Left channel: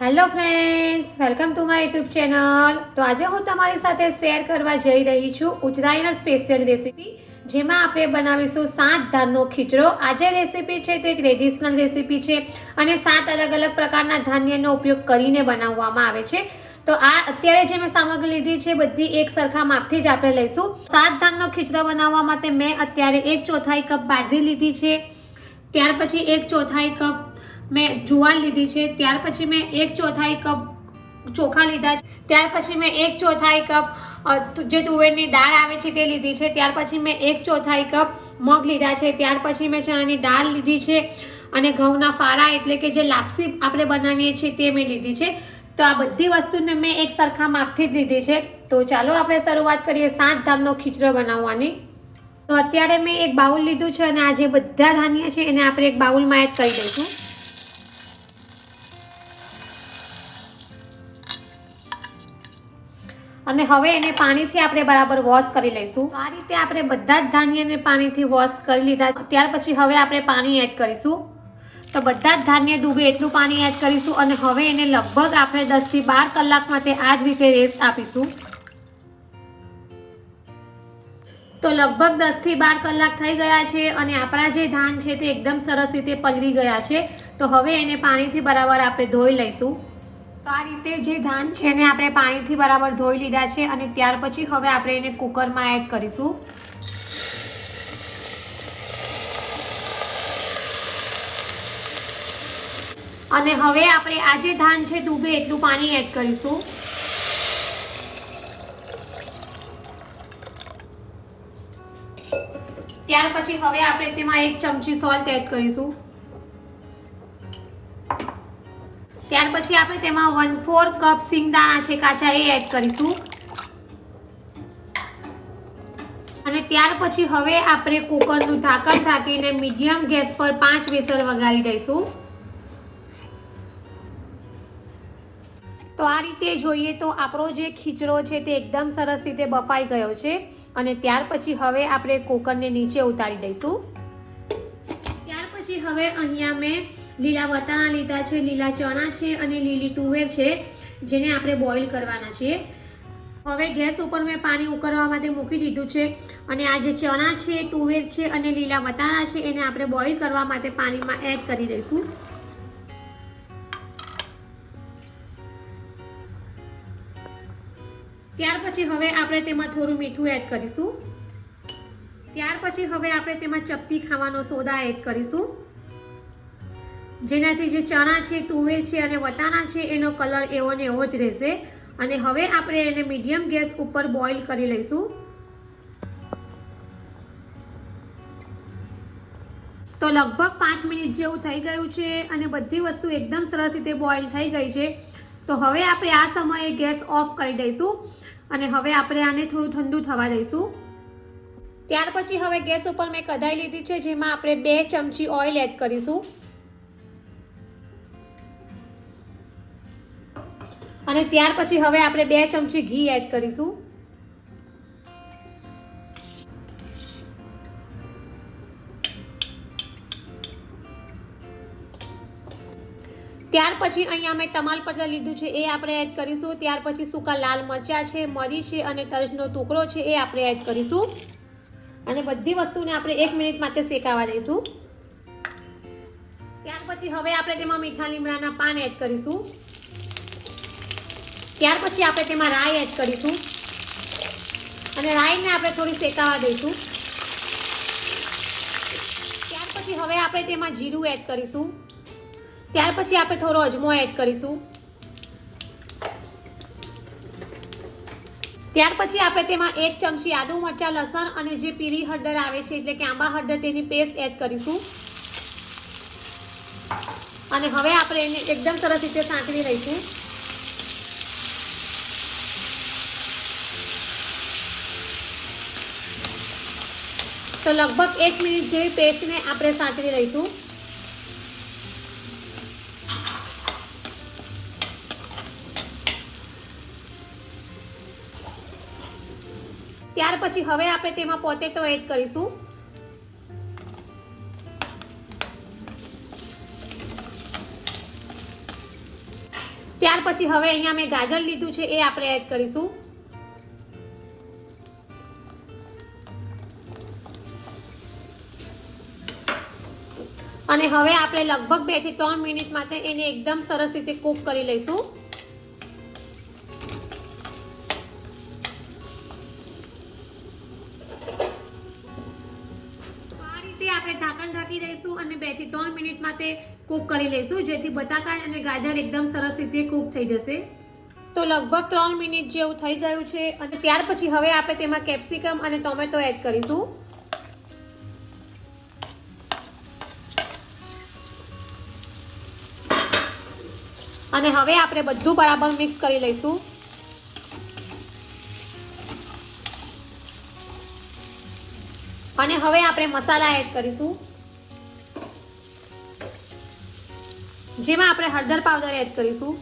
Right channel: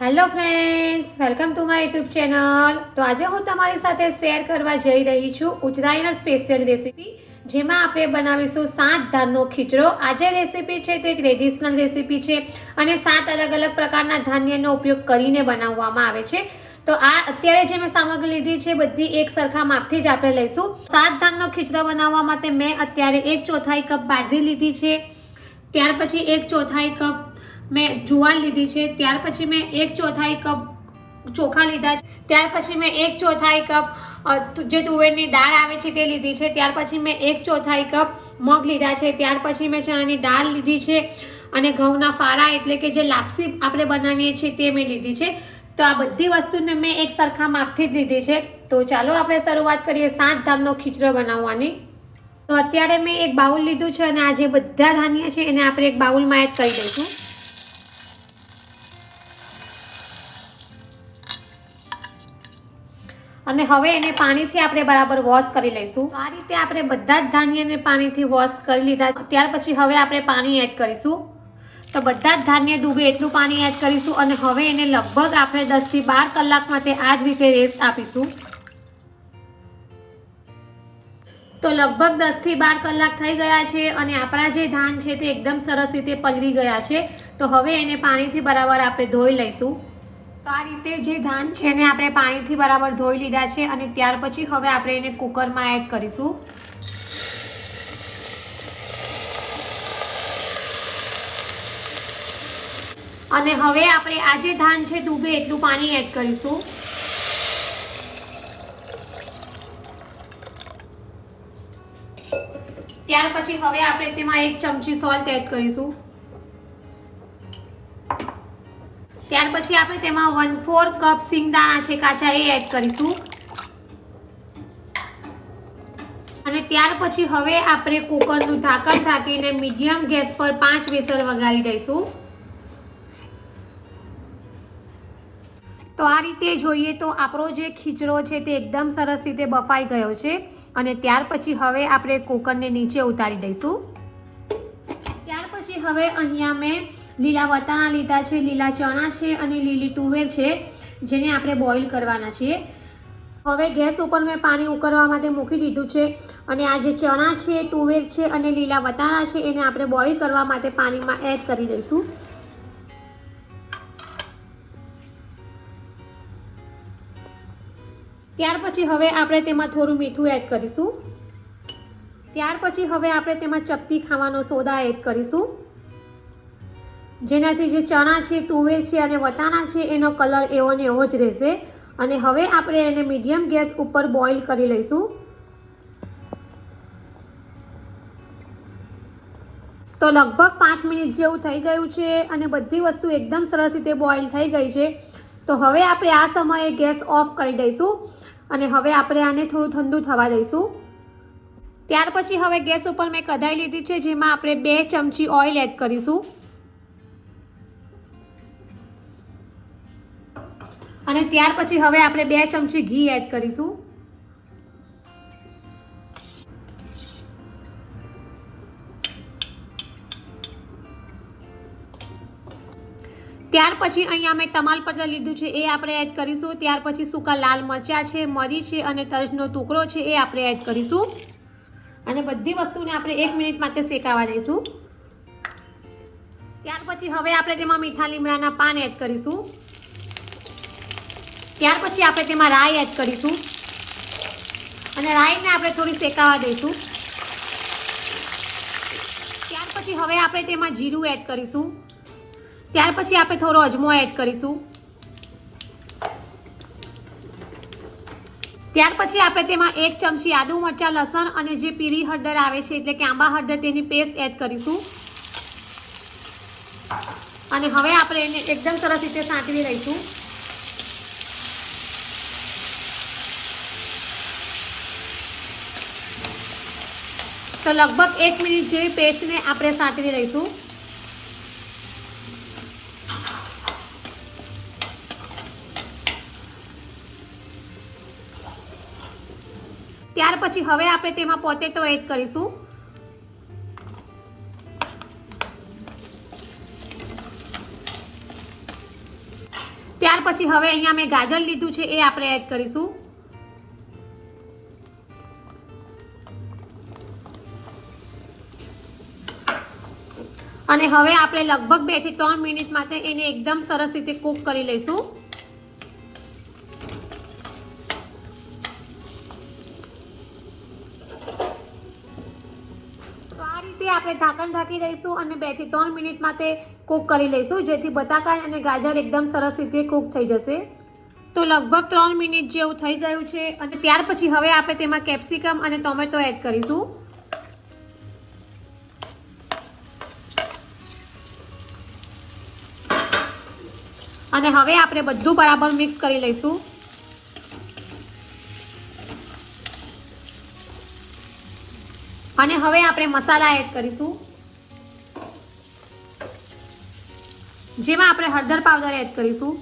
Hello friends welcome to my YouTube channel તો આજે હું તમારી સાથે શેર કરવા જઈ રહી છું ઉત્તરાયણ સ્પેશિયલ રેસીપી જેમાં આપણે બનાવીશું સાત ધાનનો ખીચડો. આજે રેસીપી છે તે ટ્રેડિશનલ રેસીપી છે અને સાત અલગ અલગ પ્રકારના ધાન્યનો ઉપયોગ કરીને બનાવવામાં આવે છે. તો આ અત્યારે જે મેં સામગ્રી લીધી છે, બધી એક સરખા માપથી જ આપણે લઈશું. સાત ધાનનો ખીચડો બનાવવા માટે મેં અત્યારે એક ચોથાઈ કપ બાજરી લીધી છે. ત્યાર પછી એક ચોથાઈ કપ મેં જુવાર લીધી છે, ત્યાર પછી મેં એક ચોથાઈ કપ ચોખા લીધા છે, ત્યાર પછી મેં એક ચોથાઈ કપ જે તુવેરની દાળ આવે છે તે લીધી છે, ત્યાર પછી મેં એક ચોથાઈ કપ મગ લીધા છે, ત્યાર પછી મેં ચણાની દાળ લીધી છે અને ઘઉંના ફાળા એટલે કે જે લાપસી આપણે બનાવીએ છીએ તે મેં લીધી છે. તો આ બધી વસ્તુને મેં એક સરખા માપથી જ લીધી છે. તો ચાલો આપણે શરૂઆત કરીએ સાત ધામનો ખીચડો બનાવવાની. તો અત્યારે મેં એક બાઉલ લીધું છે અને આ જે બધા ધાન્ય છે એને આપણે એક બાઉલમાં એડ કરી દઈશું. અને હવે એને પાણીથી આપણે બરાબર વોશ કરી લઈશું. આ રીતે આપણે બધા જ ધાન્યને પાણીથી વોશ કરી લીધા. ત્યાર પછી હવે આપણે પાણી એડ કરીશું. તો બધા જ ધાન્ય ડૂબે એટલું પાણી એડ કરીશું અને હવે એને લગભગ આપણે દસથી બાર કલાક માટે આ જ રીતે રેસ્ટ આપીશું. તો લગભગ દસથી બાર કલાક થઈ ગયા છે અને આપણા જે ધાન છે તે એકદમ સરસ રીતે પલળી ગયા છે. તો હવે એને પાણીથી બરાબર આપણે ધોઈ લઈશું. તો આ રીતે જે ધાન છે એને આપણે પાણીથી બરાબર ધોઈ લીધા છે અને ત્યાર પછી હવે આપણે એને કુકરમાં એડ કરીશું. અને હવે આપણે આ જે ધાન છે ડૂબે એટલું પાણી એડ કરીશું. ત્યાર પછી હવે આપણે તેમાં એક ચમચી સોલ્ટ એડ કરીશું. ત્યાર પછી આપણે તેમાં વન ફોર કપ સિંગદાણા છે, કાચા એ એડ કરીશું. અને ત્યાર પછી હવે આપણે કુકરનું ઢાંકણ ઢાંકીને મીડિયમ ગેસ પર પાંચ વિસલ વગાડી દઈશું. તો આ રીતે જોઈએ તો આપણો જે ખીચડો છે તે એકદમ સરસ રીતે બફાઈ ગયો છે. અને ત્યાર પછી હવે આપણે કુકરને નીચે ઉતારી દઈશું. ત્યાર પછી હવે અહીંયા મેં લીલા વટાણા લીધા છે, લીલા ચણા છે અને લીલી તુવેર છે, જેને આપણે બોઇલ કરવાના છે હવે ગેસ ઉપર મેં પાણી ઉકળવા માટે મૂકી દીધું છે અને આ જે ચણા છે, તુવેર છે અને લીલા વટાણા છે, એને આપણે બોઇલ કરવા માટે પાણીમાં એડ કરી દઈશું. ત્યાર પછી હવે આપણે તેમાં થોડું મીઠું એડ કરીશું. ત્યાર પછી હવે આપણે તેમાં ચપટી ખાવાનો સોદા એડ કરીશું. જેનાથી જે ચણા છે, તુવેર છે અને વટાણા છે, એનો કલર એવો ને એવો જ રહેશે. અને હવે આપણે એને મીડિયમ ગેસ ઉપર બોઇલ કરી લઈશું. તો લગભગ પાંચ મિનિટ જેવું થઈ ગયું છે અને બધી વસ્તુ એકદમ સરસ રીતે બોઇલ થઈ ગઈ છે. તો હવે આપણે આ સમયે ગેસ ઓફ કરી દઈશું અને હવે આપણે આને થોડું ઠંડુ થવા દઈશું. ત્યાર પછી હવે ગેસ ઉપર મેં કઢાઈ લીધી છે, જેમાં આપણે બે ચમચી ઓઇલ એડ કરીશું. અને ત્યાર પછી હવે આપણે બે ચમચી ઘી એડ કરીશું. ત્યાર પછી અહીંયા મેં તમાલપત્ર લીધું છે એ આપણે એડ કરીશું. ત્યાર પછી સૂકા લાલ મરચા છે, મરી છે અને તજનો ટુકડો છે એ આપણે એડ કરીશું. અને બધી વસ્તુને આપણે એક મિનિટ માટે શેકાવા દઈશું. ત્યાર પછી હવે આપણે તેમાં મીઠા લીમડાના પાન એડ કરીશું. ત્યાર પછી આપણે તેમાં રાઈ એડ કરીશું. અને રાઈને આપણે થોડી શેકાવા દઈશું. ત્યાર પછી હવે આપણે તેમાં જીરું એડ કરીશું. ત્યાર પછી આપણે થોડો અજમો એડ કરીશું. ત્યાર પછી આપણે તેમાં એક ચમચી આદુ મરચા, લસણ અને જે પીળી હળદર આવે છે, એટલે કે આંબા હળદર તેની પેસ્ટ એડ કરીશું. અને હવે આપણે એને એકદમ સરસ રીતે સાંકળી લઈશું. તો લગભગ એક મિનિટ જેવી પેસ્ટને આપણે સાંતળી લઈશું. ત્યાર પછી હવે આપણે તેમાં પોટેટો એડ કરીશું. ત્યાર પછી હવે અહીંયા મેં ગાજર લીધું છે એ આપણે એડ કરીશું. અને હવે આપણે લગભગ બેથી ત્રણ મિનિટ માટે એને એકદમ સરસ રીતે કૂક કરી લઈશું. આ રીતે આપણે ઢાંકણ ઢાંકી દઈશું અને બેથી ત્રણ મિનિટ માટે કૂક કરી લઈશું, જેથી બટાકા અને ગાજર એકદમ સરસ રીતે કૂક થઈ જશે. તો લગભગ ત્રણ મિનિટ જેવું થઈ ગયું છે અને ત્યાર પછી હવે આપણે તેમાં કેપ્સિકમ અને ટોમેટો એડ કરીશું. અને હવે આપણે બધું બરાબર મિક્સ કરી લઈશું. અને હવે આપણે મસાલા એડ કરીશું. જેમાં આપણે હળદર પાવડર એડ કરીશું.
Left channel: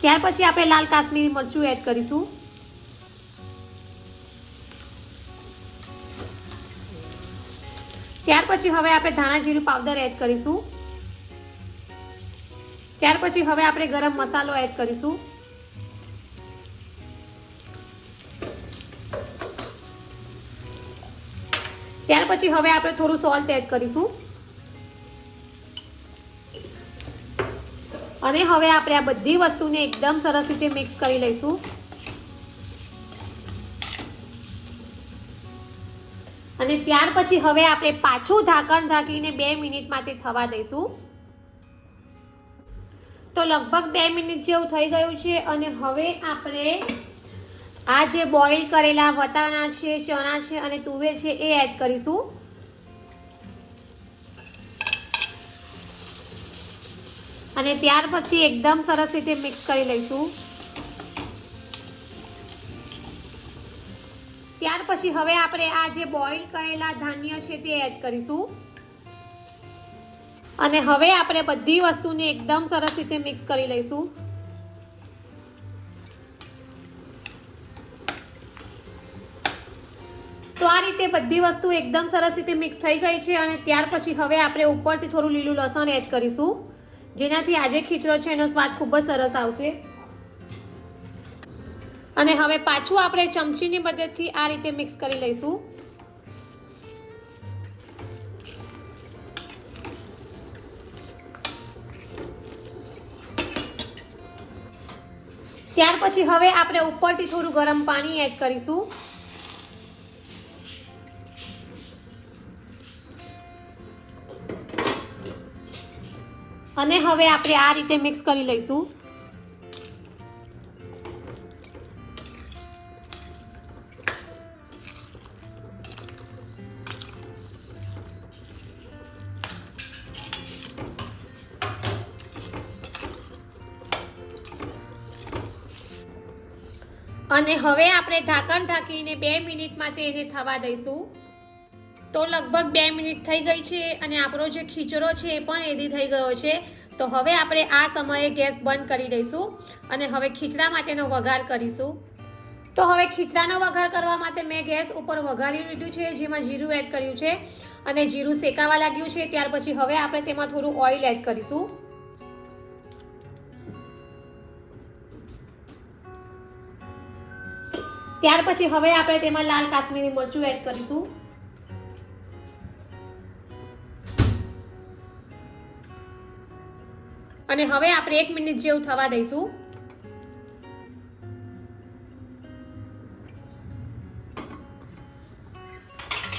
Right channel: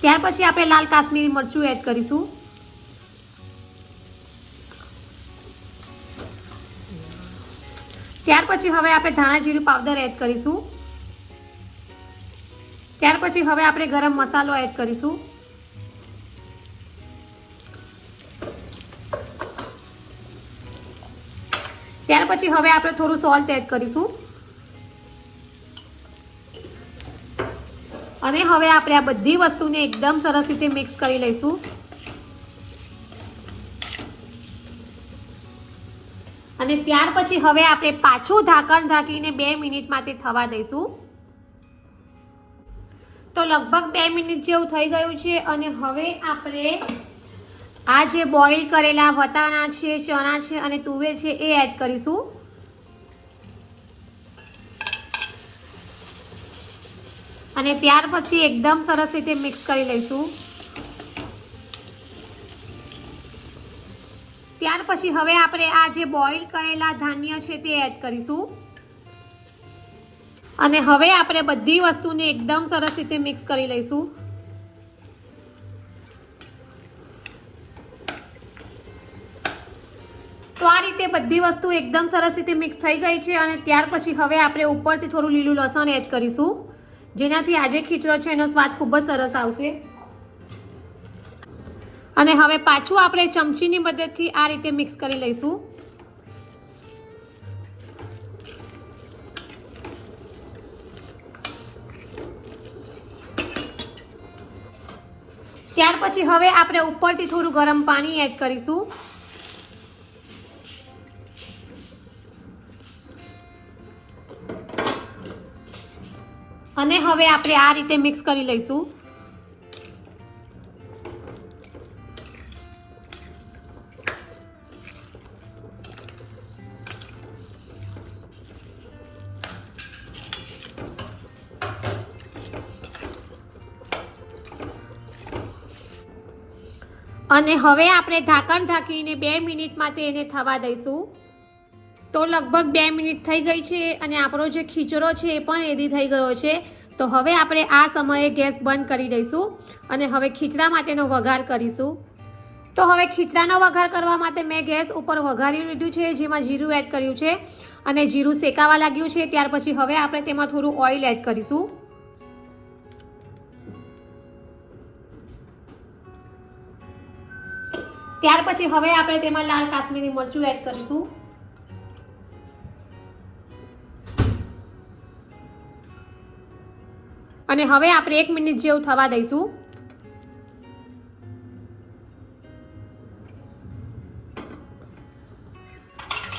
ત્યાર પછી આપણે લાલ કાશ્મીરી મરચું એડ કરીશું. પછી હવે આપણે ધાણા જીરું પાવડર એડ કરીશું. ત્યાર પછી હવે આપણે ગરમ મસાલો એડ કરીશું. ત્યાર પછી હવે આપણે થોડું સોલ્ટ એડ કરીશું. અને હવે આપણે આ બધી વસ્તુને એકદમ સરસ રીતે મિક્સ કરી લઈશું. અને ત્યાર પછી હવે આપણે પાછું ઢાંકણ ઢાંકીને બે મિનિટ માટે થવા દઈશું. તો લગભગ બે મિનિટ જેવું થઈ ગયું છે અને હવે આપણે આ જે બોઇલ કરેલા વટાણા છે, ચણા છે અને તુવેર છે એ એડ કરીશું. અને ત્યાર પછી એકદમ સરસ રીતે મિક્સ કરી લઈશું. પછી હવે આપણે આ જે બોઇલ કરેલા ધાન્ય છે તે એડ કરીશું. અને હવે આપણે બધી વસ્તુને એકદમ સરસ રીતે મિક્સ કરી લઈશું. તો આ રીતે બધી વસ્તુ એકદમ સરસ રીતે મિક્સ થઈ ગઈ છે અને ત્યાર પછી હવે આપણે ઉપરથી થોડું લીલું લસણ એડ કરીશું. જેનાથી આજે ખીચડો છે એનો સ્વાદ ખૂબ જ સરસ આવશે. અને હવે પાછું આપણે ચમચીની મદદથી આ રીતે મિક્સ કરી લઈશું. ત્યાર પછી હવે આપણે ઉપરથી થોડું ગરમ પાણી એડ કરીશું. અને હવે આપણે આ રીતે મિક્સ કરી લઈશું. અને હવે આપણે ઢાંકણ ઢાંકીને બે મિનિટ માટે એને થવા દઈશું. તો લગભગ બે મિનિટ થઈ ગઈ છે અને આપણો જે ખીચડો છે એ પણ રેડી થઈ ગયો છે. તો હવે આપણે આ સમયે ગેસ બંધ કરી દઈશું અને હવે ખીચડા માટેનો વઘાર કરીશું. તો હવે ખીચડાનો વઘાર કરવા માટે મેં ગેસ ઉપર વઘારી લીધું છે, જેમાં જીરું એડ કર્યું છે. અને જીરું શેકાવા લાગ્યું છે, ત્યાર પછી હવે આપણે તેમાં થોડું ઓઇલ એડ કરીશું. ત્યાર પછી હવે આપણે તેમાં લાલ કાશ્મીરી મરચું એડ કરીશું. અને હવે આપણે એક મિનિટ જેવું થવા દઈશું.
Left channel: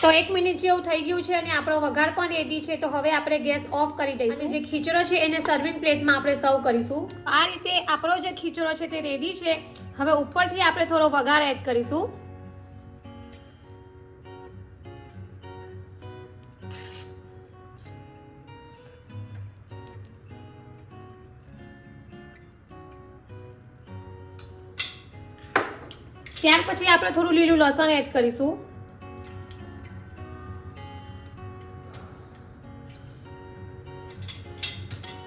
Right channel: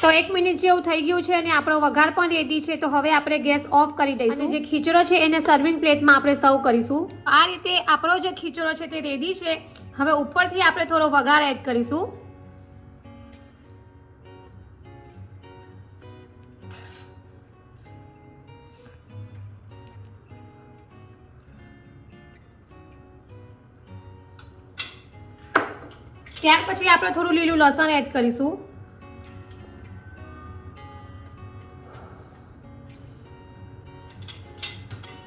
તો એક મિનિટ જેવું થઈ ગયું છે અને આપણો વઘાર પણ રેડી છે, તો હવે આપણે ગેસ ઓફ કરી દઈશું. જે ખીચડો છે એને સર્વિંગ પ્લેટમાં આપણે સર્વ કરીશું. આ રીતે આપણો જે ખીચડો છે તે રેડી છે. હવે ઉપરથી આપણે થોડો વઘાર એડ કરીશું. ત્યાર પછી આપણે થોડું લીલું લસણ એડ કરીશું.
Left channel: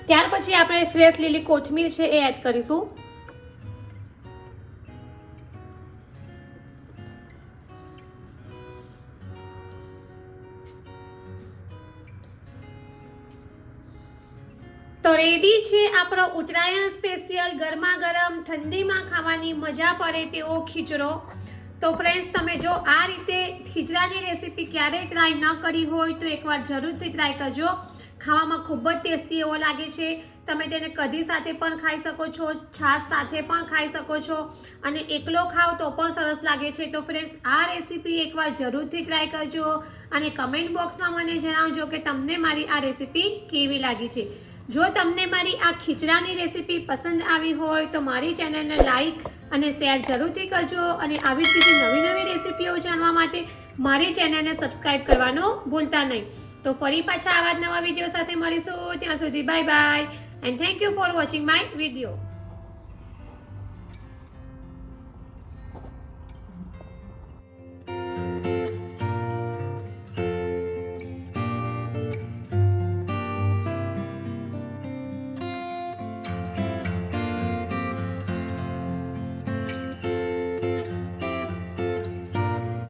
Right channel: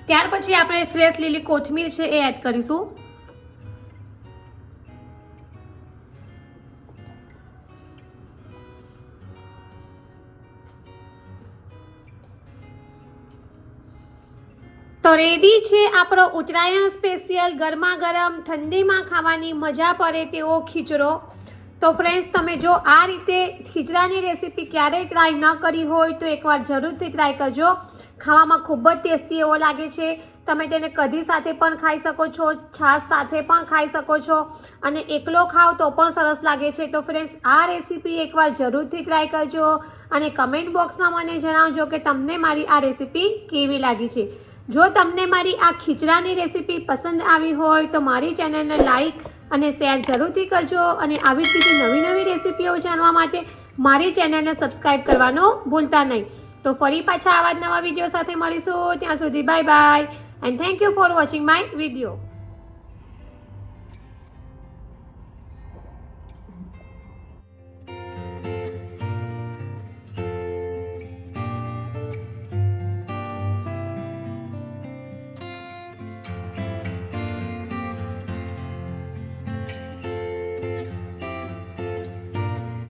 ત્યાર પછી આપણે ફ્રેશ લીલી કોથમીર છે એ એડ કરીશું. આપણો ઉત્તરાયણ સ્પેશિયલ ગરમા ગરમ ઠંડીમાં ખાવાની મજા પડે તેવો ખીચડો. તો ફ્રેન્ડ્સ તમે જો આ રીતે ખીચડાની રેસીપી ક્યારેય ટ્રાય ન કરી હોય, તો એકવાર જરૂરથી ટ્રાય કરજો. ખાવામાં ખૂબ જ ટેસ્ટી એવો લાગે છે. તમે તેને કઢી સાથે પણ ખાઈ શકો છો, છાશ સાથે પણ ખાઈ શકો છો. અને એકલો ખાઓ તો પણ સરસ લાગે છે. તો ફ્રેન્ડ્સ આ રેસીપી એકવાર જરૂરથી ટ્રાય કરજો અને કમેન્ટ બોક્સમાં મને જણાવજો કે તમને મારી આ રેસીપી કેવી લાગી છે. જો તમને મારી આ ખીચડાની રેસીપી પસંદ આવી હોય તો મારી ચેનલને લાઈક અને શેર જરૂરથી કરજો અને આવી જ રીતે નવી નવી રેસીપીઓ જાણવા માટે મારી ચેનલને સબસ્ક્રાઈબ કરવાનું ભૂલતા નહીં. તો ફરી પાછા આવા જ નવા વીડિયો સાથે મળીશું. ત્યાં સુધી bye bye and thank you for watching my video